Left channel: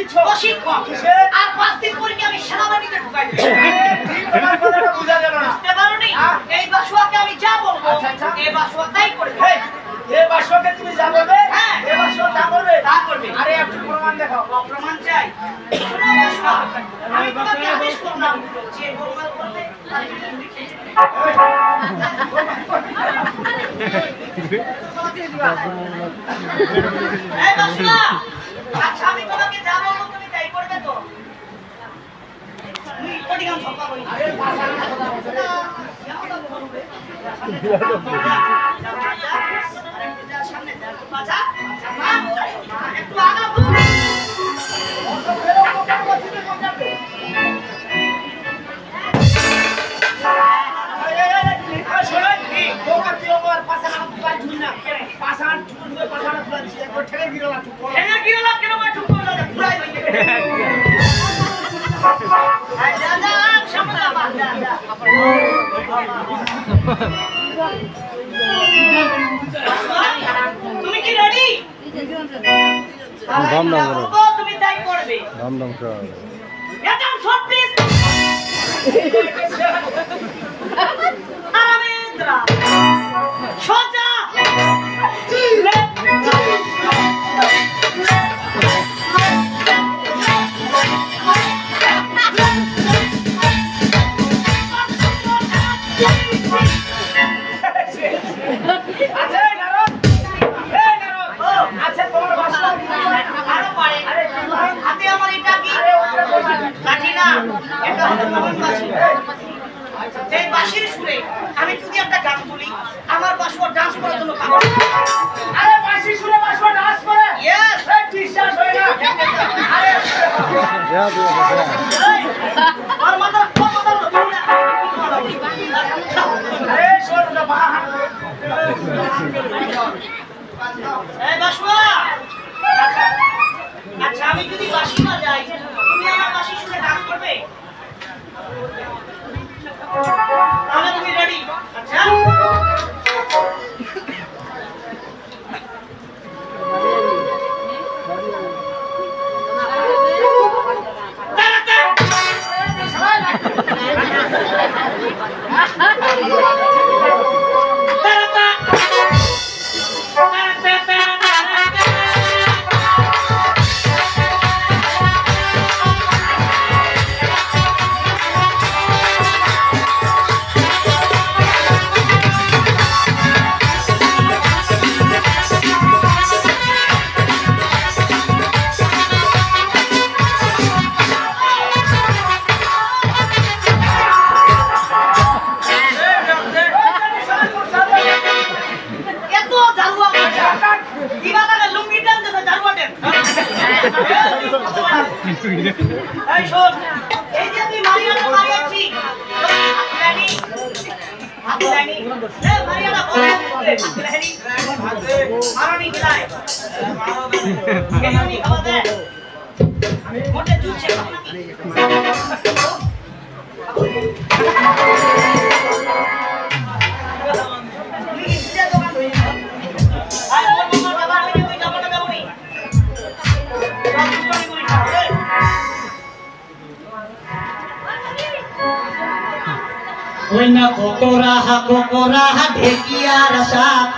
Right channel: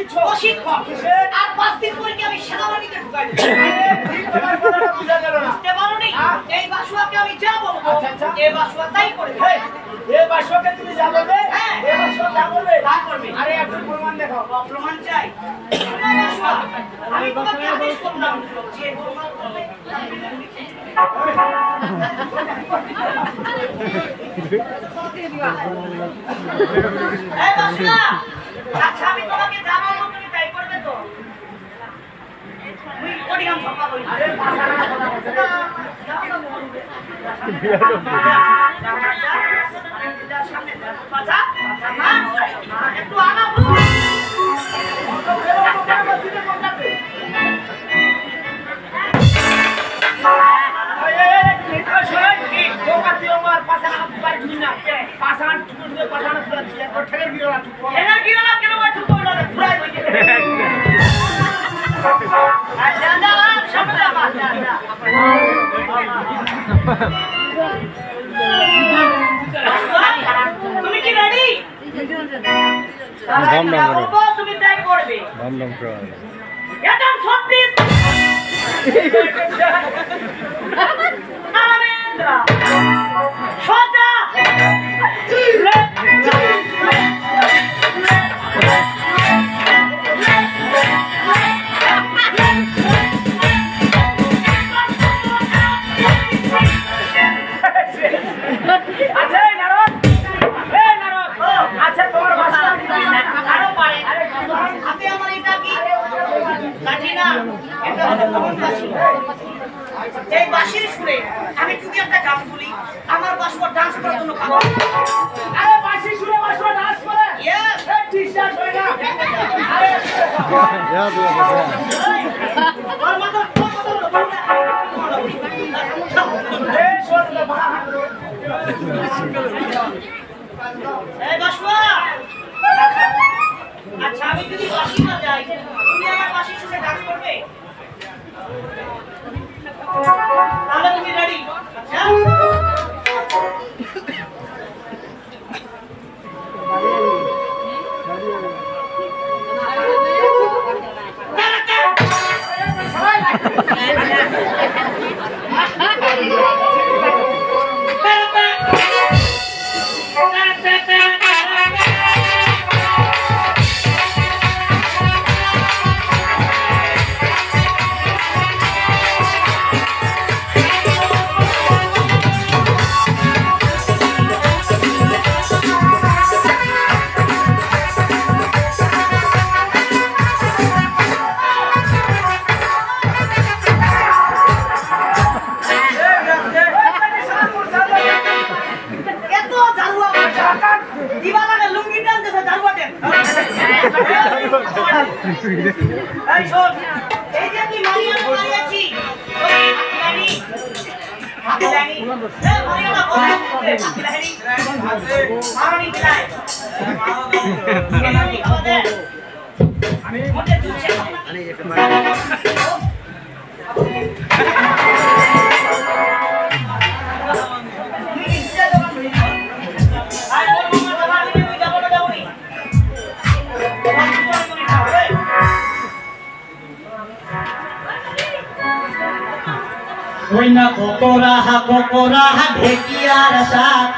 দিচ্ছ প্রশিক্ষণ আর 5 দিন পরে কি আমি সেনাবাহিনীতে ঢুকাই দেব ঠিক তোমার কথাটা বুঝা গেল না বুঝতে পারোনি এই বাসুয়াকে আমি যা বলবো এই বাসুয়া তাই করে এই এই বাসুয়াকে তুমি যা বলবে হ্যাঁ এই বাসুয়া তা করবে আরে একটু প্রমাণ দেখাও প্রমাণ চাই আমি তোমাকে আদেশ করলাম যে গোলমাল করবে এই বাসুয়া আচ্ছা আমি তোমাকে যা বলবো তুমি তাই করবে তো তুই কোটি গান ছপা বলি আরে পাছা না কথা বলছে রে আরেকটু যা সামনে যা পাছা পাছা মা একটু আগা তুমি কি রেডি তুমি তাই করবে একদম সত্যি আরামেন্দ্রা সোজা এই বাঁশির সুরে আমি যদি একটা গান বলি আমার বাসুয়া ডান্স করার জন্য আরে বাঁশি সুরে বাসুয়া ডান্স করে ইয়েস বিশ্বাস হয় না আরে আর মাথা কথা বলো আরে শোন না বাহা এই বাসুয়া আচ্ছা আমি যদি বাঁশি বাজাই তুমি আমার বাঁশির সুরে ডান্স করবে তাহলে তুমি রেডি আচ্ছা এই শোন এই যে তুই মারিয়ানা মারিয়াছি রানি হাতে রানি এ মারিয়ানা বল রানি মারনি গলায় এমনি খাওয়া আমি মোটে দুধ খাবো নাকি Kokoraha ঢেকিয়ার সাথ